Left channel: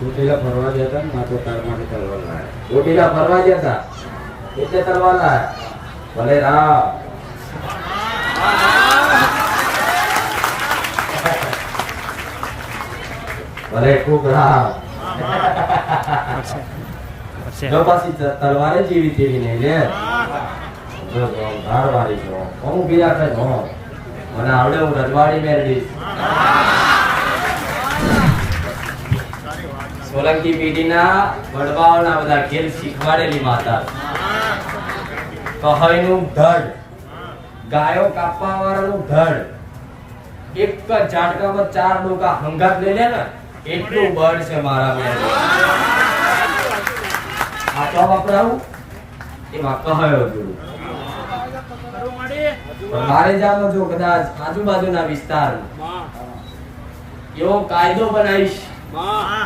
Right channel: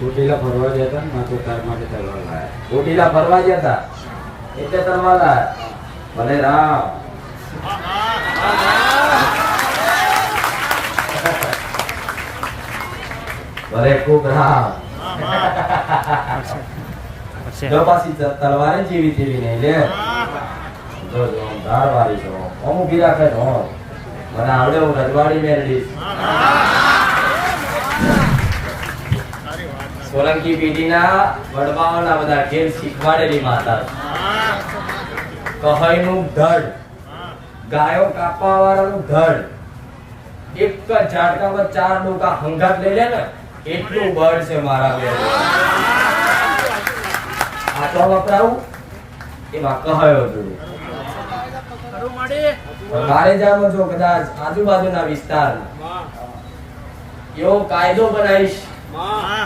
ચોટીલા ફરવા જતા ને તો તાર માટે તલવાર લાયા. ચોટીલા ફરવા જતા એટલે તલવાર લાયા. ભલે રામ. ભલે ખૂબ રામ. જો પાછી તલવારે જેવી તેવી નહીં લે. જો જો ધાર વાળી છો અમુક બી રાખે છો મને આવડે હું રજવાડી મેળવીશ. સોલંકી પેઢીના વડવાઓના બધા ખેલ શીખવાડેલી માતા. કહાઈનું ધડ, ગાયો કાપવા વાળાનું ધડ, એક જ ઝાટકામાં 4 ડોકા હંગાત લઈ લે ને એટલું બળ છે મારા બેન. આપણો વપરાવું એમાં કહાયો હતું. મારે જાણો છો કદાચ આજુબાજુના વિસ્તાર એવો કાયદો બનાવીશ